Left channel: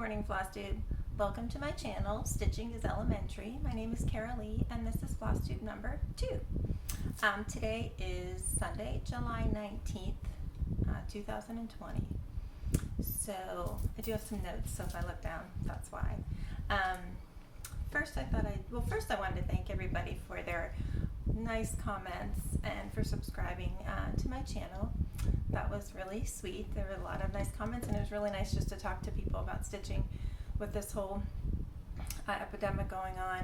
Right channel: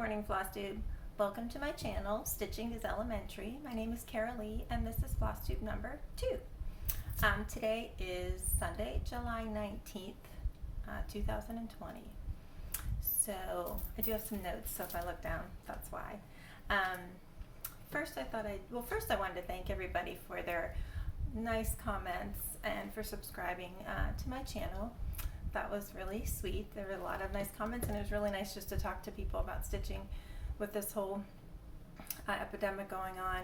morning, Floss Tube. Welcome to my channel, Stitching is Elementary. My name is Carol Lee, and this is Floss Tube number 2. Today is Sunday, July 19th, 2020. So I do have some notes, so if I look down, that's why. First I wanted to thank everybody for their nice comments and for subscribing to my channel. That was really sweet. There were a lot of nice comments, and it was really nice just to talk to people about stitching with this whole epidemic going on.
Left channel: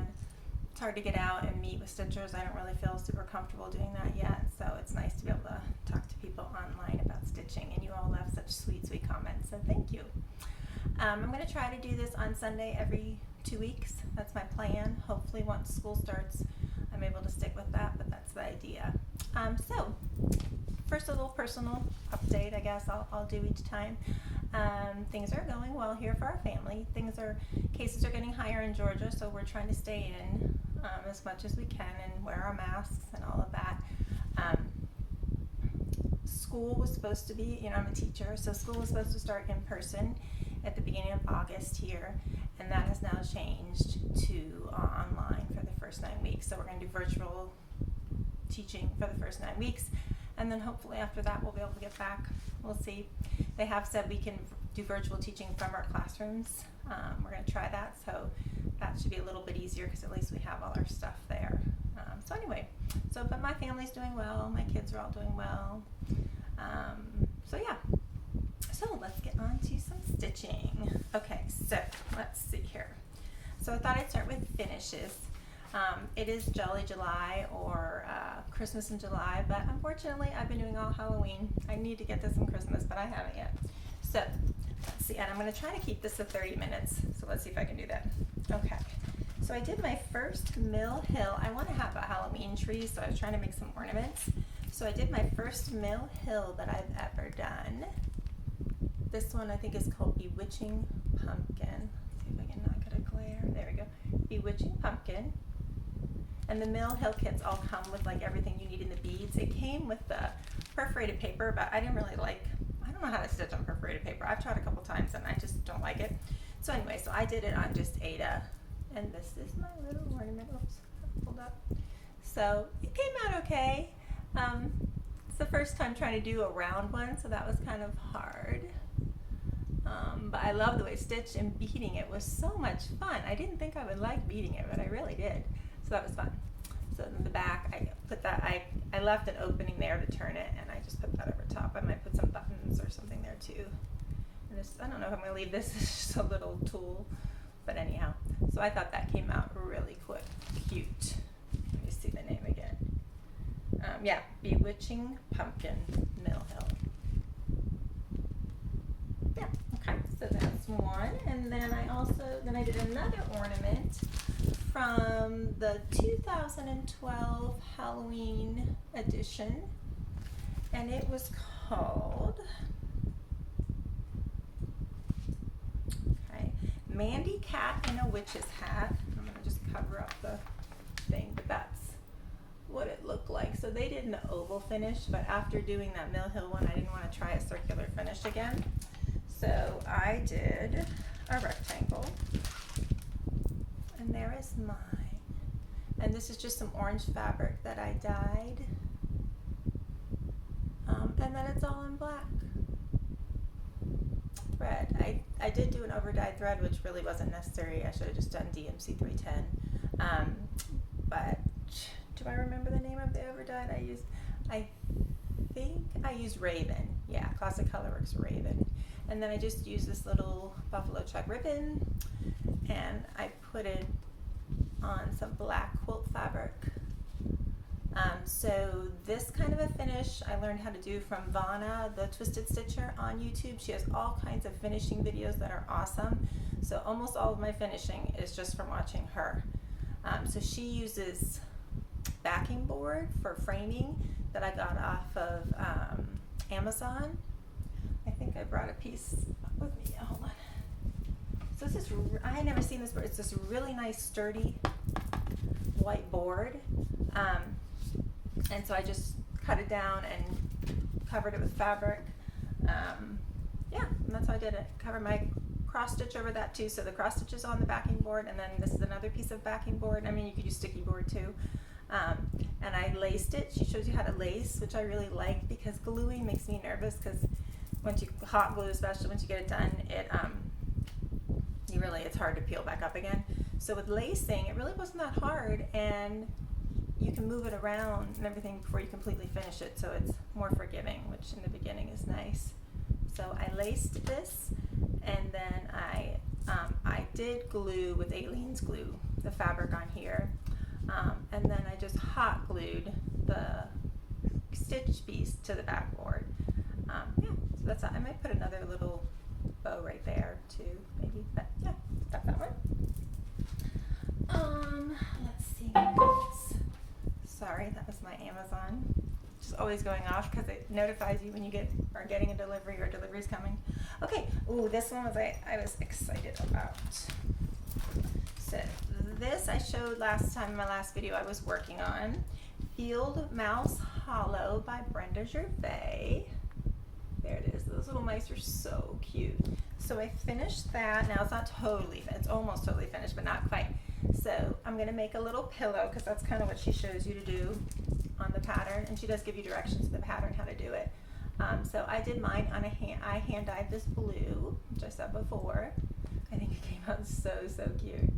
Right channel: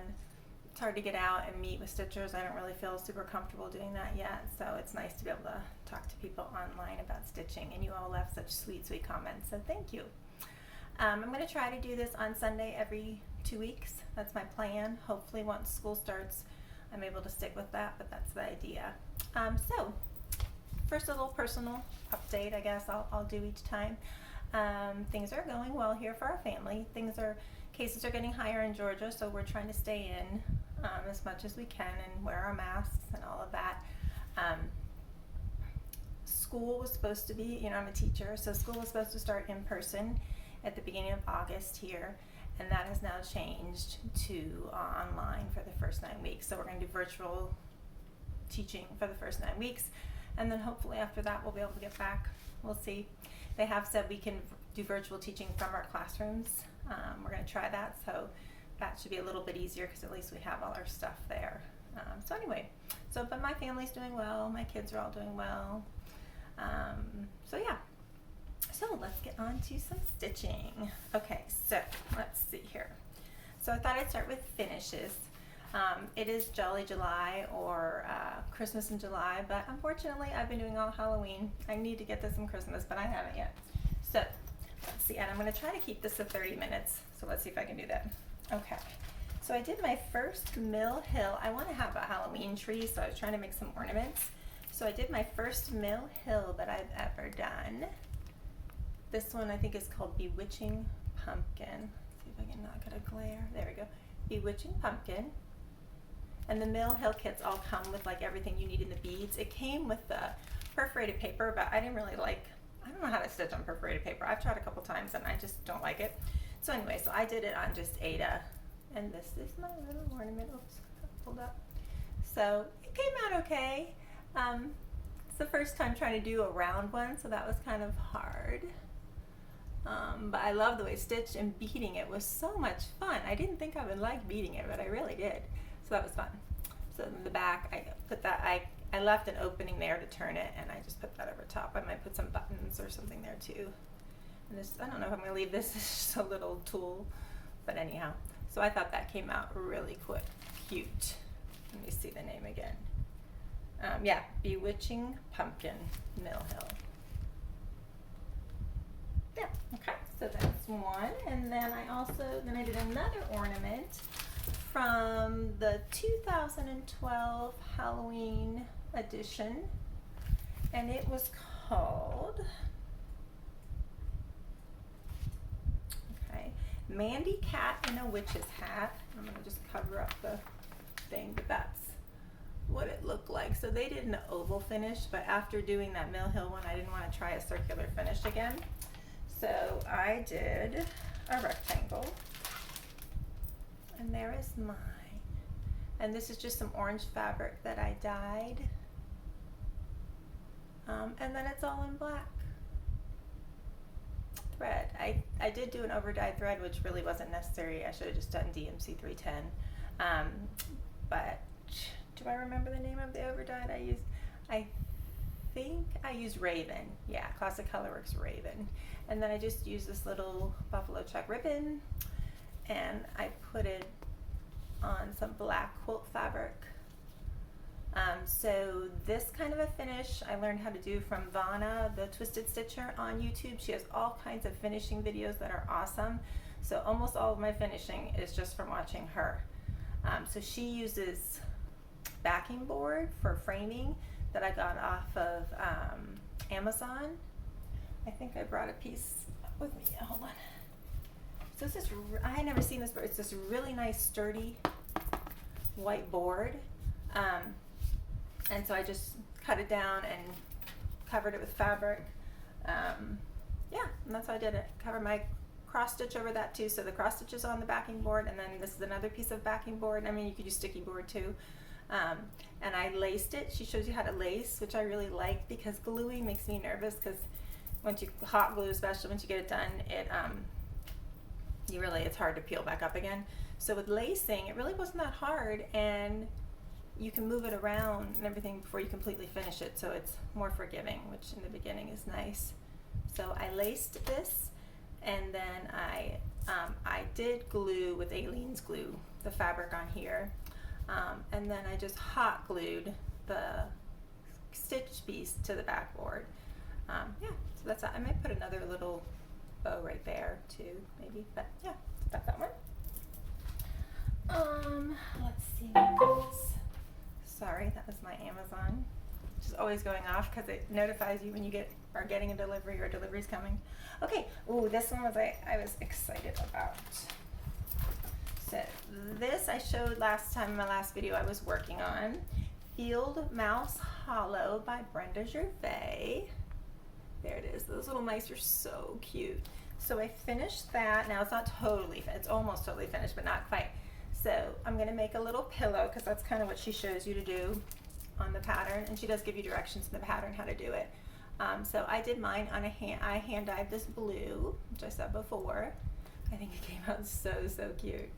It's hard to get out and meet with stitchers. I don't really feel super comfortable doing that yet, so it's nice to be able to talk to people online about stitching, and you all left such sweet comments, so thank you. I'm going to try to do this on Sunday every 2 weeks. That's my plan. Hopefully once school starts I'm able to stick with that, but that's the idea. So first, a little personal update, I guess I'll do each time. Things are going well here for our family. Cases are getting higher in Georgia, so we're trying to stay in as much as we can and wear our masks and all of that. School was supposed to be, I'm a teacher, so school was supposed to start in person at the beginning of August here, and that has now changed to online for the first 9 weeks. So we're going to do virtual teaching for the first 9 weeks, and then hopefully after that we'll be able to get back. We'll see. They have said we can do virtual teaching from our classrooms. We're going to try that, so that should be a little bit easier because at least we have all our stuff there. But my family's doing well, my kids are all doing well. So let's get on to some stitching. Okay, so let's see here. So I thought I'd start with finishes. It is Jolly July, or Christmas in July, but unfortunately I've been doing all Halloween. I need to get this in Christmas, but I haven't yet. So let's see, and I'm going to try to keep this to 30 minutes, so let's see if I can do that. Okay, so I did my first Mill Hill. I want to have a Halloween tree, so I was trying to make some ornaments. So I did my first Mill Hill that I've ever done. This one I think is called Bewitching Pumpkin. Let's see if I can not get a glare. There we go. Bewitching Pumpkin. And the Mill Hill kits all come with like everything you need in the beads. It came with the perforated paper, but I don't know how to stitch on perforated paper. I've tried a couple times and I just don't like it. So anyway, so I did it on just Ada. And this is my little ornament. Oops, hold up. So it came out okay. It's the first time trying to do a round one, so that was kind of hard. But I love the way stitch and beading it was so much fun. I didn't think I would like beading it, but I really did. So that was fun. So in the back, I left an opening there to turn it, and I just put that over top. I might put some buttons or something there too. And this, I don't know if I'm going to leave this as just a little tool, but anyhow. So I thought that came out really cute. Let me see the name again. Yeah, Bewitching Pumpkin, Mill Hill. Yeah, okay, so that's one. And then I did another ornament from the 2012 Halloween edition, and it was called, Mandy Cat in a Witch's Hat. I'm gonna just cover up the thing, but that's what it looked like. So they did an oval finish, but after doing that Mill Hill one, I didn't want to try a circular finish again. So I did a rectangle, and there is mine. And this is just some orange fabric that I dyed, and then it's all in black thread. I did do an over dyed thread, which really wasn't necessary. I should have just done DMC 310, but do I remember the name of the over dyed I used? I think I used Raven. Yeah, Classic Colorworks Raven. And then I just used this little buffalo check ribbon, and I put it on some black quilt fabric. So this kind of a finish I learned how to do from Vanna, the Twisted Stitcher, on YouTube. She has all kinds of finishing videos that are awesome. So almost all of my finishing is just from watching her. So she uses backing board for framing that I got off of Amazon. I think I brought a piece with me. Hold on. So this is, I had never seen this before. It's this really nice sturdy white board. And so I just cut it down and covered it with fabric. Yeah, and that's how I did it. Covered my cross stitch over that too. So the cross stitch is on the backing board, and then this is another piece of backing board. I mean, you could use sticky board too. And I laced it. She shows you how to lace, which I really like because gluing makes me nervous because once you hot glue, especially once you get it done, it it's hard to peel back up again. So with lacing, it really wasn't that hard, and you can move it around and everything before you completely finish it, so it's more forgiving, which in the beginning is nice. So I laced this, and then I did glue with Aleene's glue the fabric on here, and then I just hot glued the stitch piece to the backboard. Yeah, so that's that. I might put another little bow right there too, maybe, but yeah, got that one. Let's see what else. Sorry, that was my Amazon. Just always going off because it notifies you when you are getting a delivery or delivery's coming. Okay, ooh, this one was I was excited about. So this I showed last time in my last video I was working on. Field Mouse Hollow by Brenda Gervais. There it is. Those little mice are so cute. So I finished that. Now it's not totally, it's almost totally finished, but not quite. So I'm going to make a little pillow because that's kind of what she shows you to do on the pattern, and she does give you directions in the pattern how to do it. So I did mine on I hand dyed this blue, which I said before. I think it came out so cute.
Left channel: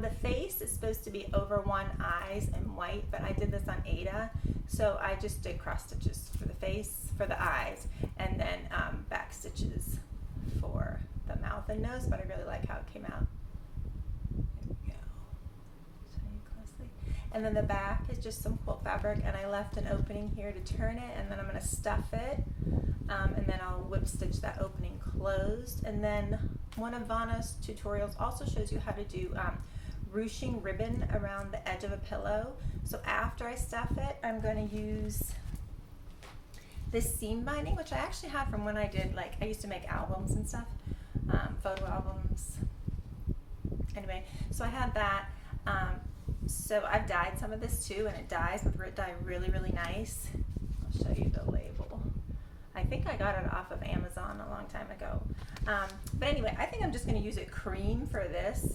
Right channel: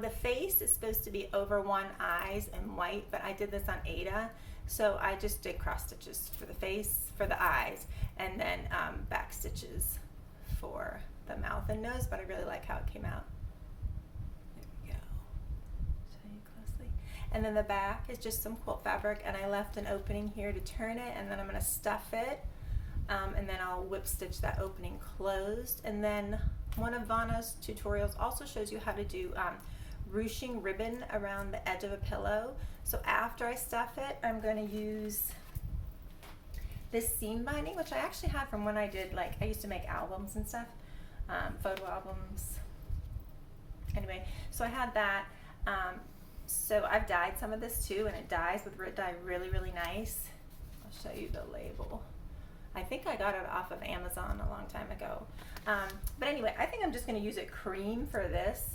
The face is supposed to be over one eyes and white, but I did this on Ada, so I just did cross stitches for the face, for the eyes, and then back stitches for the mouth and nose, but I really like how it came out. There we go. Show you closely. And then the back is just some quilt fabric, and I left an opening here to turn it, and then I'm going to stuff it, and then I'll whip stitch that opening closed. And then one of Vanna's tutorials also shows you how to do ruching ribbon around the edge of a pillow. So after I stuff it, I'm going to use this seam binding, which I actually have from when I did, like, I used to make albums and stuff, photo albums. Anyway, so I had that. So I've dyed some of this too, and it dyes with Rit Dye really nice. I'll show you the label. I think I got it off of Amazon a long time ago. But anyway, I think I'm just going to use it cream for this,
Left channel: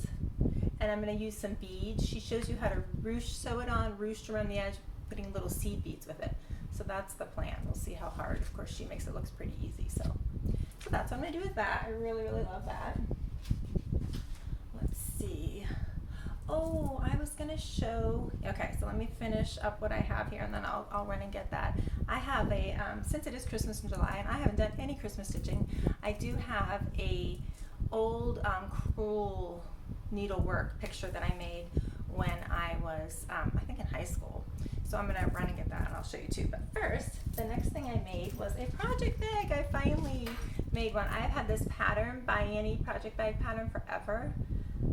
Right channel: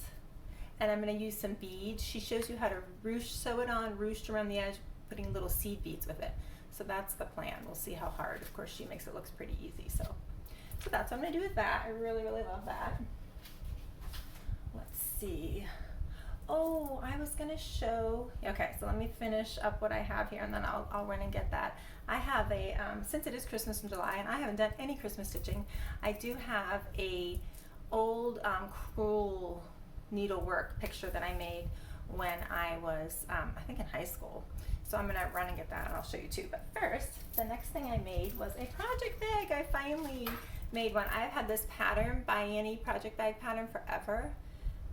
and I'm going to use some beads. She shows you how to sew it on, ruched around the edge, putting little seed beads with it. So that's the plan. We'll see how hard. Of course, she makes it looks pretty easy. So that's what I'm going to do with that. I really love that. Let's see. Oh, I was going to show, okay, so let me finish up what I have here, and then I'll run and get that. I have a, since it is Christmas in July, and I haven't done any Christmas stitching, I do have a old crewel needlework picture that I made when I was, I think in high school. So I'm going to run and get that, and I'll show you too. But first, the next thing I made was a project bag. I finally made one. I've had this pattern, by Annie project bag pattern, forever.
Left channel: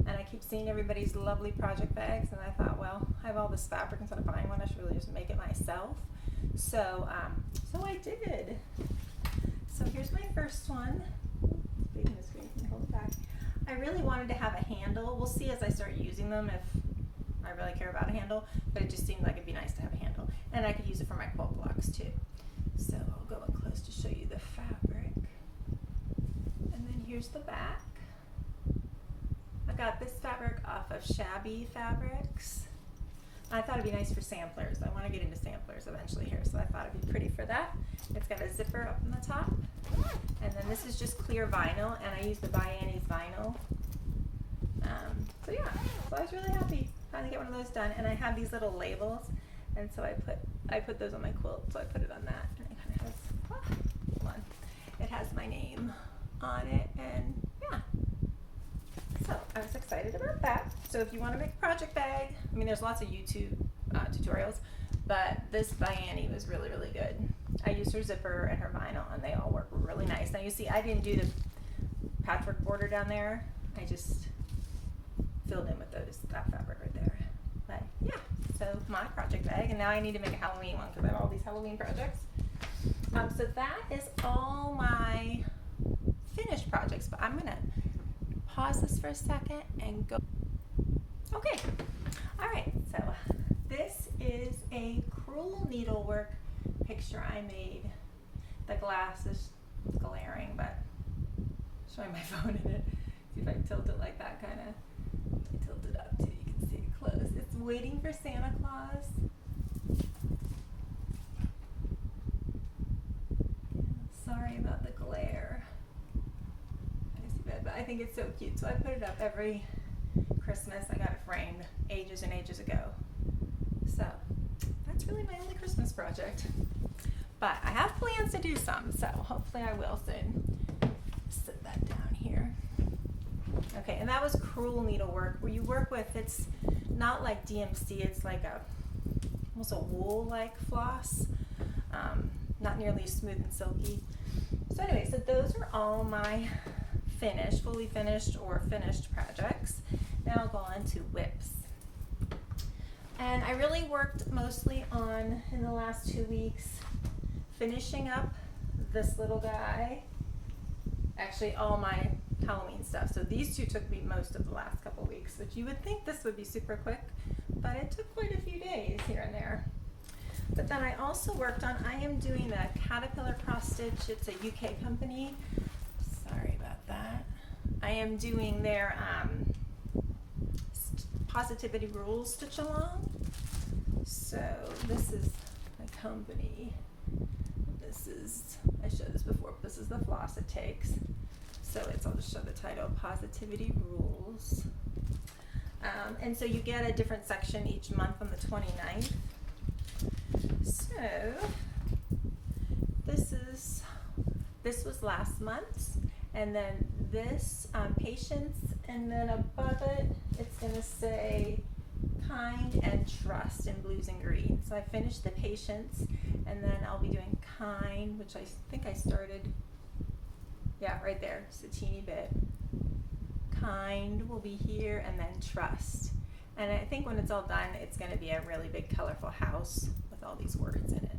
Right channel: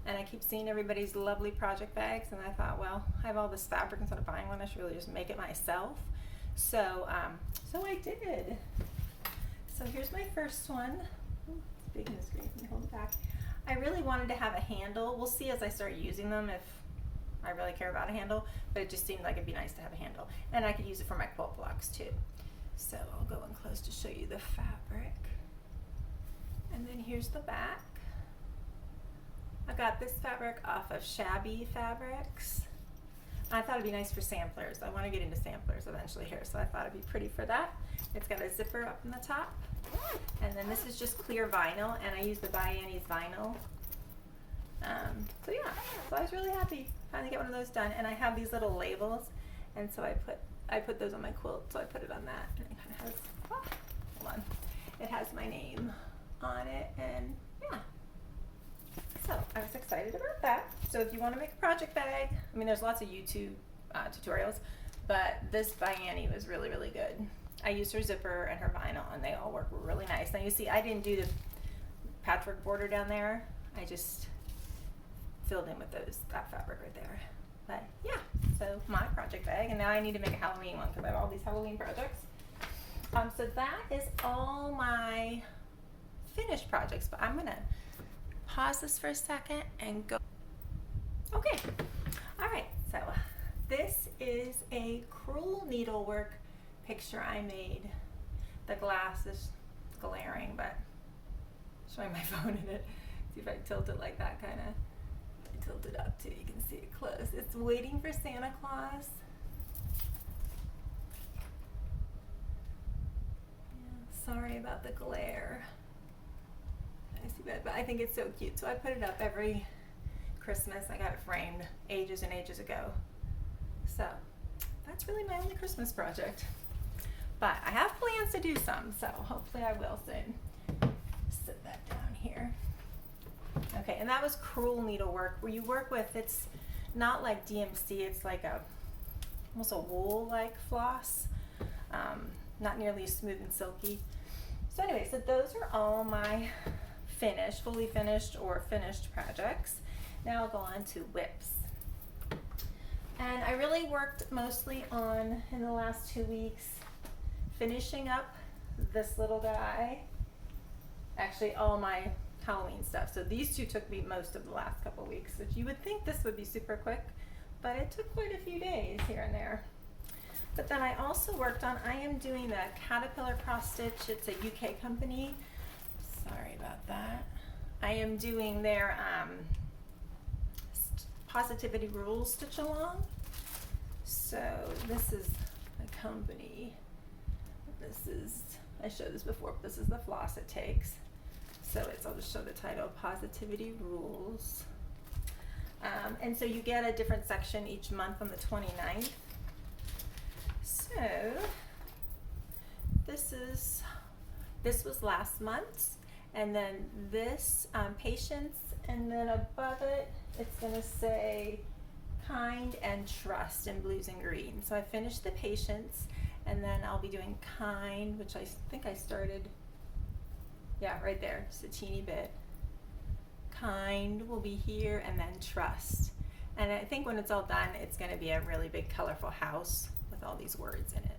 And I keep seeing everybody's lovely project bags, and I thought, well, I have all this fabric, instead of buying one, I should really just make it myself. So, so I did. So here's my first one. Ooh, it's big in the screen, can you hold it back? I really wanted to have a handle. We'll see as I start using them if I really care about a handle, but it just seemed like it'd be nice to have a handle. And I could use it for my quilt blocks too. So I'll go in close to show you the fabric. And then here's the back. I got this fabric off of Shabby Fabrics. I thought it'd be nice for samplers. I want to get into samplers eventually here, so I thought it'd be pretty for that. It's got a zipper up in the top. And then this is just clear vinyl, and I use the By Annie's vinyl. So yeah, so I was really happy finally get one of those done. And I have these little labels, and so I put those on my quilt, so I put it on that. And it kind of has, hold on, it has my name on it, and yeah. So I was excited about that. So if you want to make a project bag, I mean, there's lots of YouTube tutorials, but this by Annie was really good. I used her zipper and her vinyl, and they all work really nice. Now you see, I didn't do the patchwork border down there. I just filled in with that fabric right there. But yeah, so my project bag, and now I need to make a Halloween one because I have all these Halloween projects. So that is all my finished projects, but I'm gonna pause this for a second and go. Okay, all right, so this is a crewel needlework picture I made. The glass is glaring, but showing my phone in it. See if I tilt it like that, kind of. I tilt it up too, you can see it close. It's waiting for Santa Claus. Sorry about the glare. I see that, but I think it's so cute. So I put it up every Christmas. I got it framed ages and ages ago. So that's really my only Christmas project. But I have plans to do some, so hopefully I will soon. Set that down here. Okay, and that was crewel needlework, where you work with, it's not like DMC, it's like almost a wool-like floss. Not nearly as smooth and silky. So anyway, so those are all my finished, fully finished or finished projects. Now I'll go on to whips. And I really worked mostly on, in the last 2 weeks, finishing up this little guy. Actually, all my Halloween stuff. So these two took me most of the last couple weeks, which you would think this would be super quick, but it took quite a few days here and there. But then I also worked on, I am doing the Caterpillar cross stitch. It's a UK company. Sorry about that. I am doing their Positivity Rules stitch along. So this is a company. This is, I showed this before, but this is the floss it takes. So it's, I'll just show the title, Positivity Rules. And so you get a different section each month on the 29th. So this was last month's, and then this patience, and then above it it's going to say kind and trust in blues and green. So I finished the patience, and then I'll be doing kind, which I think I started, yeah, right there, just a teeny bit. Kind will be here, and then trust. And I think when it's all done, it's going to be a really big colorful house with all these words in it.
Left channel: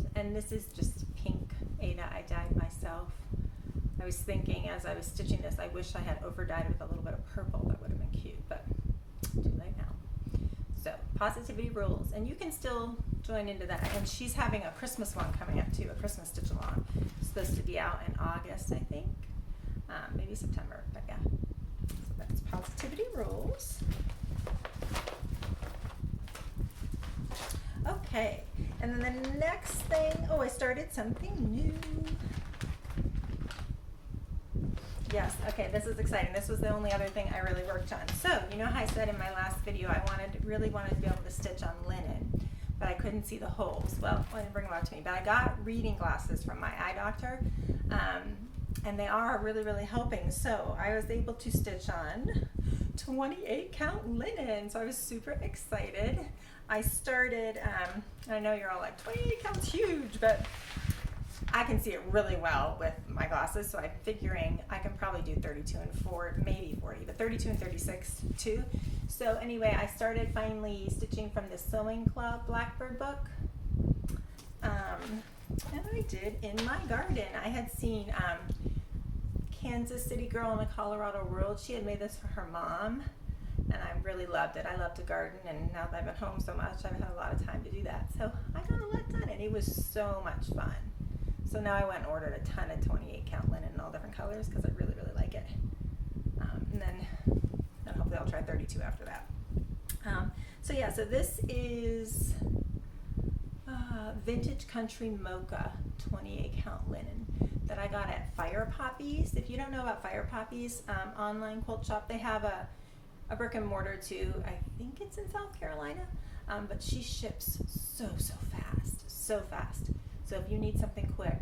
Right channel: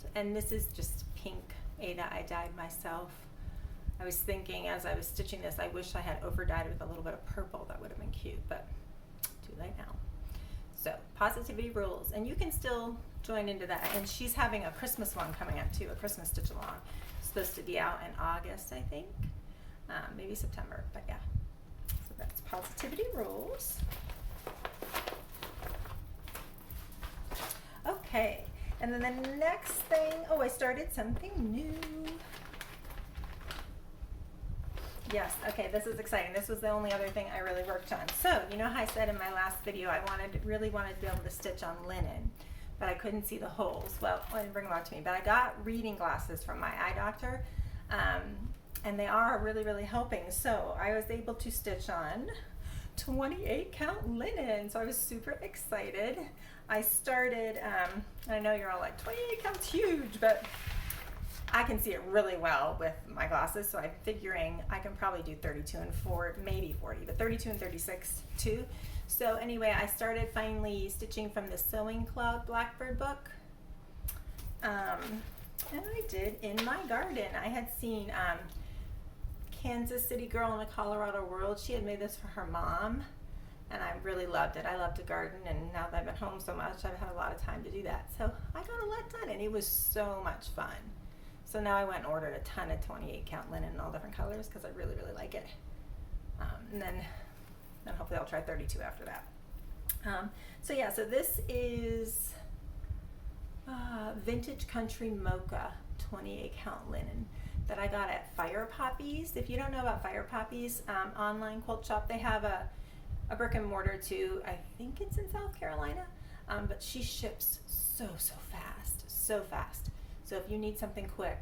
So, and this is just pink Ada I dyed myself. I was thinking as I was stitching this, I wish I had over dyed with a little bit of purple. That would have been cute, but too late now. So Positivity Rules, and you can still join into that. And she's having a Christmas one coming up too, a Christmas stitch along. It's supposed to be out in August, I think, maybe September, but yeah. So that's Positivity Rules. Okay, and then the next thing, oh, I started something new. Yes, okay, this is exciting. This was the only other thing I really worked on. So, you know how I said in my last video I really wanted to be able to stitch on linen, but I couldn't see the holes. Well, I didn't bring them out to me, but I got reading glasses from my eye doctor, and they are really, really helping. So I was able to stitch on 28 count linen, so I was super excited. I started, I know you're all like, 28 count's huge, but I can see it really well with my glasses, so I'm figuring I can probably do 32 and 40, maybe 40, but 32 and 36 too. So anyway, I started finally stitching from the Sewing Club Blackbird book, and I did in my garden. I had seen Kansas City Girl in the Colorado World. She had made this for her mom, and I really loved it. I love to garden, and now that I've been home so much, I've had a lot of time to do that. So I got a lot done, and it was so much fun. So now I went and ordered a ton of 28 count linen in all different colors because I really, really like it. And then hopefully I'll try 32 after that. So yeah, so this is Vintage Country Mocha 28 count linen that I got at Fire Poppies. If you don't know about Fire Poppies, online quilt shop, they have a brick and mortar too. I think it's in South Carolina, but she ships so fast, so fast. So if you need something quick,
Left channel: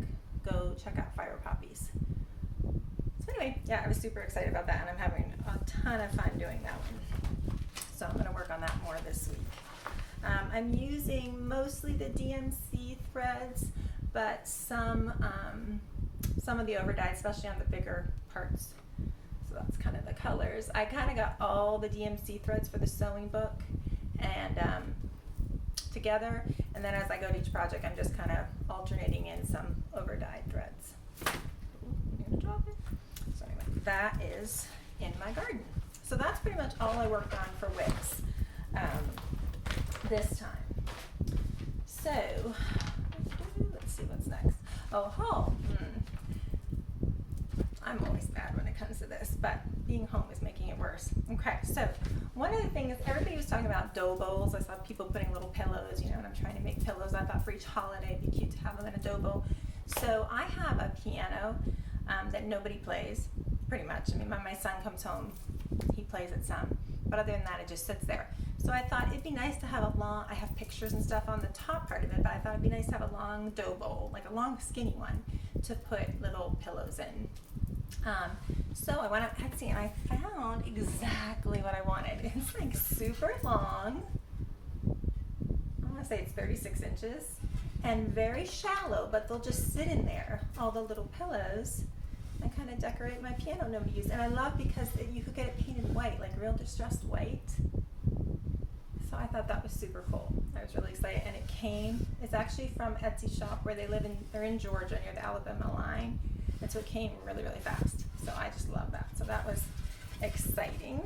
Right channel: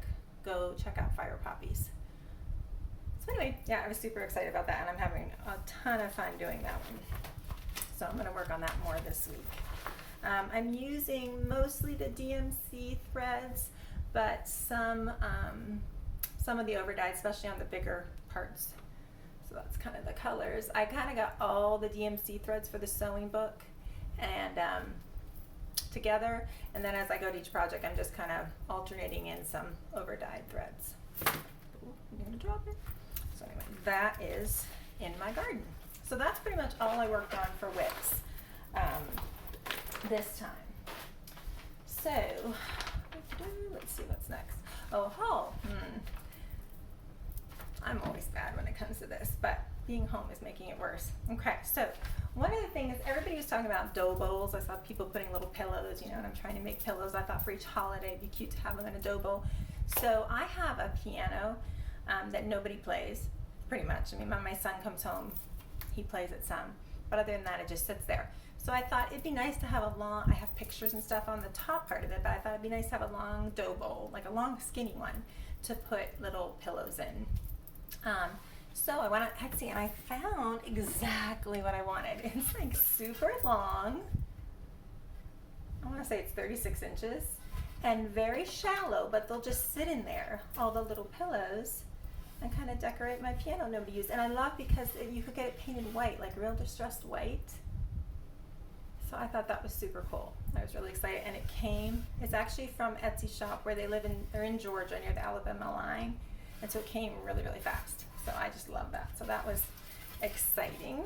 go check out Fire Poppies. So anyway, yeah, I was super excited about that, and I'm having a ton of fun doing that one. So I'm going to work on that more this week. I'm using mostly the DMC threads, but some of the over dyed, especially on the bigger parts. So that's kind of the colors. I kind of got all the DMC threads for the sewing book and together, and then as I go to each project, I'm just kind of alternating in some over dyed threads. Ooh, you're gonna drop it. So anyway, that is in my garden. So that's pretty much all I worked on for whips this time. So let's see what's next. Oh, haul. I'm always bad when it comes to this, but being home is making it worse. Okay, so one of the things, everybody was talking about dough bowls. I saw people putting little pillows, you know, and I'm trying to make pillows. I thought for each holiday it'd be cute to have them in a dough bowl. So I have a piano that nobody plays, pretty much. I mean, when my son comes home, he plays it some, but other than that, it just sits there. So I thought it'd be nice to have a long, I have pictures and stuff on the top part of it, but I thought it'd be nice to have a long dough bowl, like a long skinny one, to put little pillows in. So I went on Etsy and I found exactly what I wanted. It's like super long. I want to say it's 36 inches and very shallow, but they'll just sit in there, all the little pillows, and kind of decorate my piano nobody used. And I love because you could get it painted white, like real distressed white. So I thought that was super cool. I was really excited, and it came, it's actually from Etsy shop where they're in Georgia near the Alabama line. And so it came really, really fast. So I just love that. So that was exciting.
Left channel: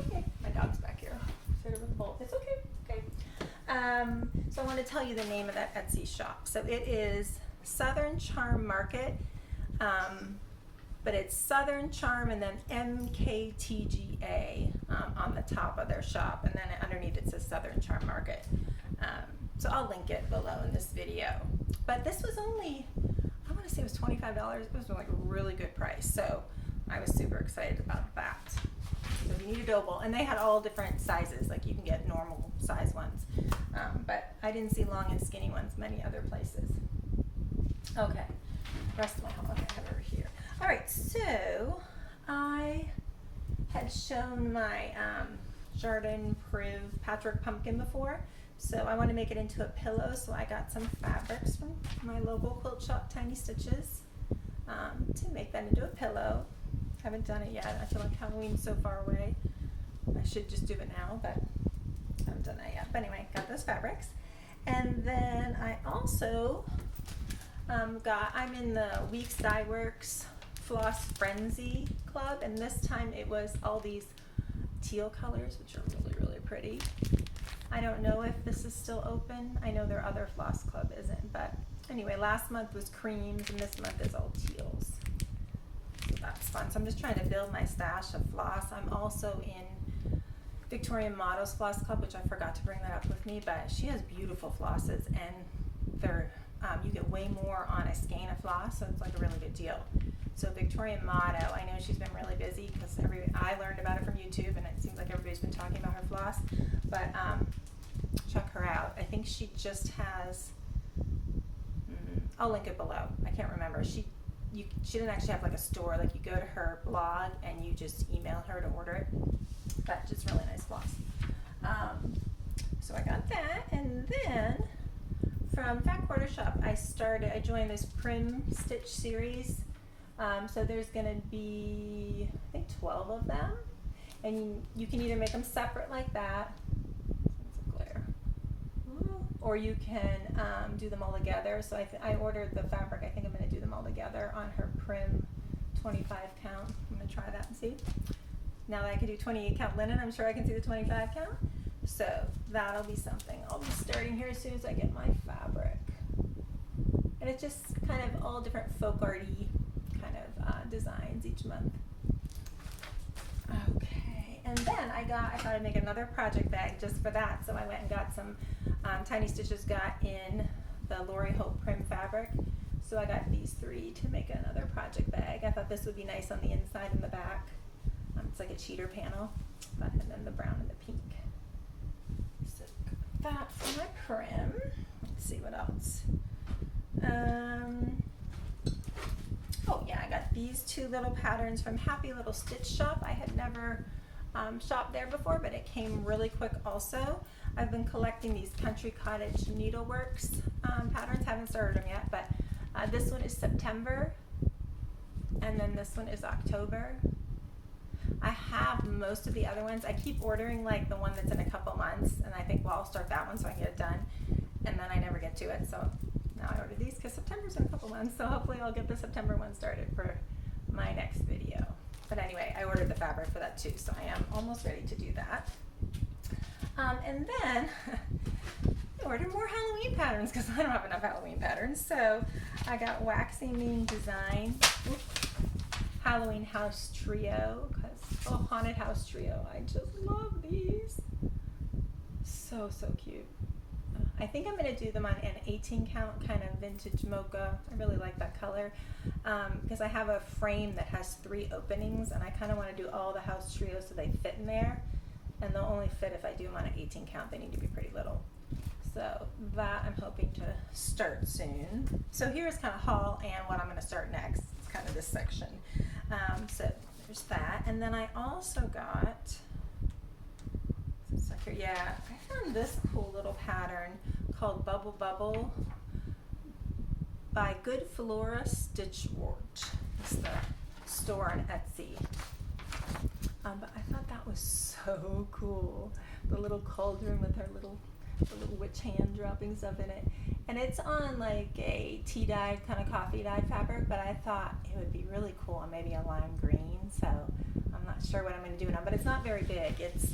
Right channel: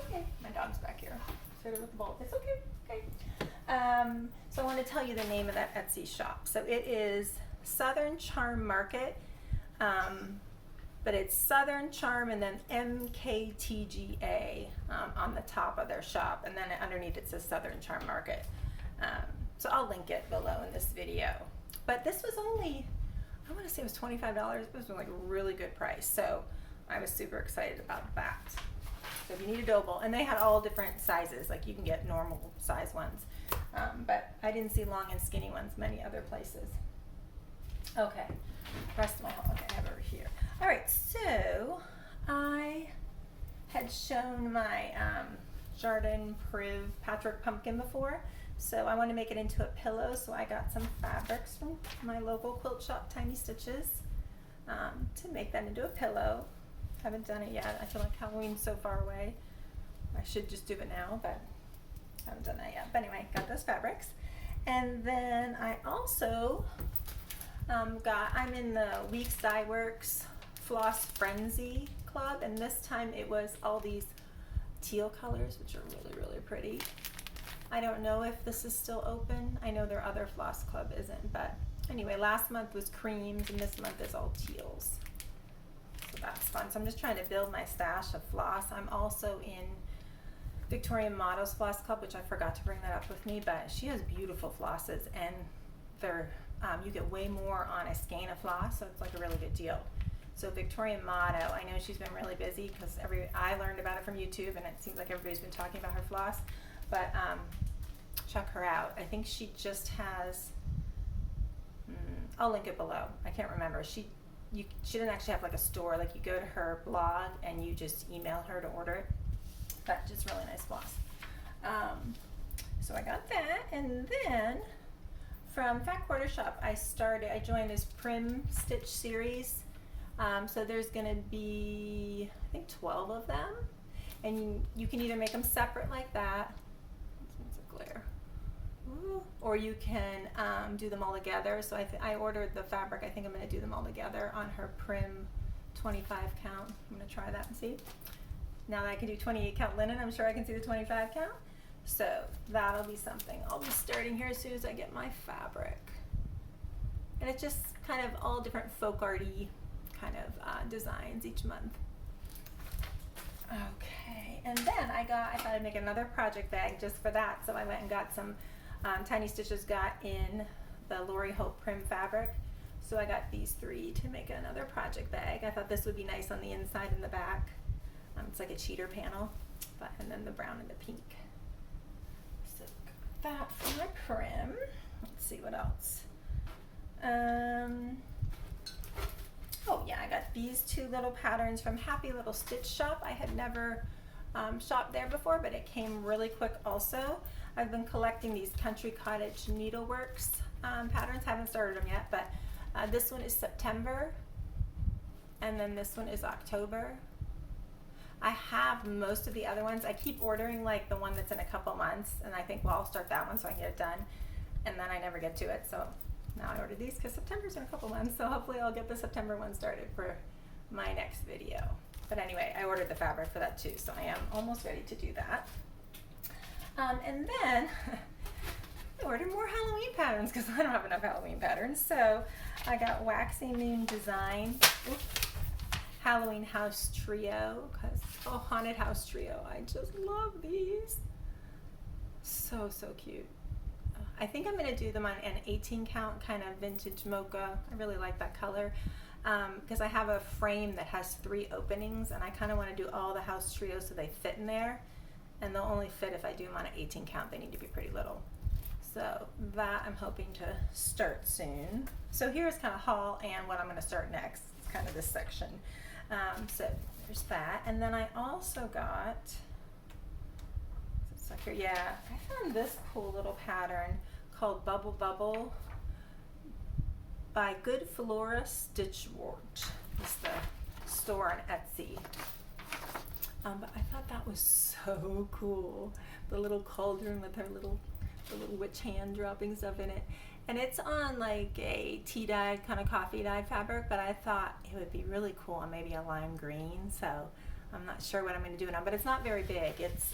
Okay, my dog's back here. Fit it with the bowl. It's okay. Okay. So I want to tell you the name of that Etsy shop. So it is Southern Charm Market, but it's Southern Charm and then MKTGA on the top of their shop, and then underneath it says Southern Charm Market. So I'll link it below in this video. But this was only, I want to say it was $25. It was like a really good price. So I was super excited about that. So if you need a dough bowl, and they had all different sizes, like you can get normal size ones. But I didn't see long and skinny ones many other places. Okay, rest of my home, okay, I have it over here. All right, so I had shown my Jardin Priv patchwork pumpkin before. So I want to make it into a pillow, so I got some fabrics from my local quilt shop, Tiny Stitches, to make that into a pillow. Haven't done it yet. I feel like Halloween's so far away. I should just do it now, but I haven't done that yet. But anyway, got those fabrics. And then I also I'm in the Weeks Dye Works Floss Frenzy Club, and this time it was all these teal colors, which are really, really pretty. I don't know if this is still open. I know their other floss club isn't, but anyway, last month was creams and this month is all teals. So that's fun. So I'm just trying to build my stash of floss. I'm also in Victorian Models Floss Club, which I forgot to bring that up with me, but she has beautiful flosses, and they're you get way more on a skein of floss, so it's like a really good deal. So Victorian Motto, I know she's been really busy because I learned about it from YouTube, and it seems like everybody's been talking about her floss. But check her out. I think she just has. I'll link it below. I can't remember. She didn't actually have like a store. Like you go to her blog and you just email her to order it. But just really nice floss. So I got that, and then from Fat Quarter Shop, I joined this Prim Stitch series. So there's gonna be, I think, 12 of them, and you can either make them separate like that, it's a glare, or you can do them all together. So I ordered the fabric. I think I'm gonna do them all together on her Prim 25 count. I'm gonna try that and see. Now that I can do 28 count linen, I'm sure I can see the 25 count. So that'll be something I'll be starting here as soon as I get my fabric. And it's just kind of all different folk arty kind of designs each month. Okay, and then I thought I'd make another project bag just for that. So I went and got some Tiny Stitches got in the Lori Hope Prim fabric. So I got these 3 to make another project bag. I thought this would be nice on the inside and the back. It's like a cheater panel, and then the brown and the pink. So that for my Prim. Let's see what else. Oh yeah, I got these 2 little patterns from Happy Little Stitch Shop. I had never shopped there before, but it came really quick also. I've been collecting these Country Cottage Needleworks patterns. Haven't started them yet, but this one is September, and then this one is October. I have most of the other ones. I keep ordering like the one that's in a couple months, and I think, well, I'll start that one so I can get it done, and then I never get to it. So now I ordered these because September's in a couple months, so hopefully I'll get the September one started for my next video. But anyway, I ordered the fabric for that too, so I am almost ready to do that. And then I ordered more Halloween patterns because I don't have enough Halloween patterns. So I got Waxy Moon Design, Halloween House Trio, Haunted House Trio. I just love these. So cute. I think I'm going to do them on an 18 count, kind of vintage mocha. I really like that color because I have a frame that has 3 openings, and I kind of want to do all the house trios so they fit in there, and they'll only fit if I do them on an 18 count. They need to be pretty little. So that I'm hoping to start soon. So here's kind of haul and what I'm going to start next. It's kind of this section. So there's that, and then I also got, it's like here, yeah, I found this cool little pattern called Bubble Bubble by Good Flora Stitchwort. It's the store on Etsy. But I thought that was so cool. The little cauldron with the little witch hand dropping stuff in it. And it's on like a tea dyed, kind of coffee dyed fabric, but I thought it would be really cool on maybe a lime green. So I'm not sure what I'm going to do now, but it's not very big. It's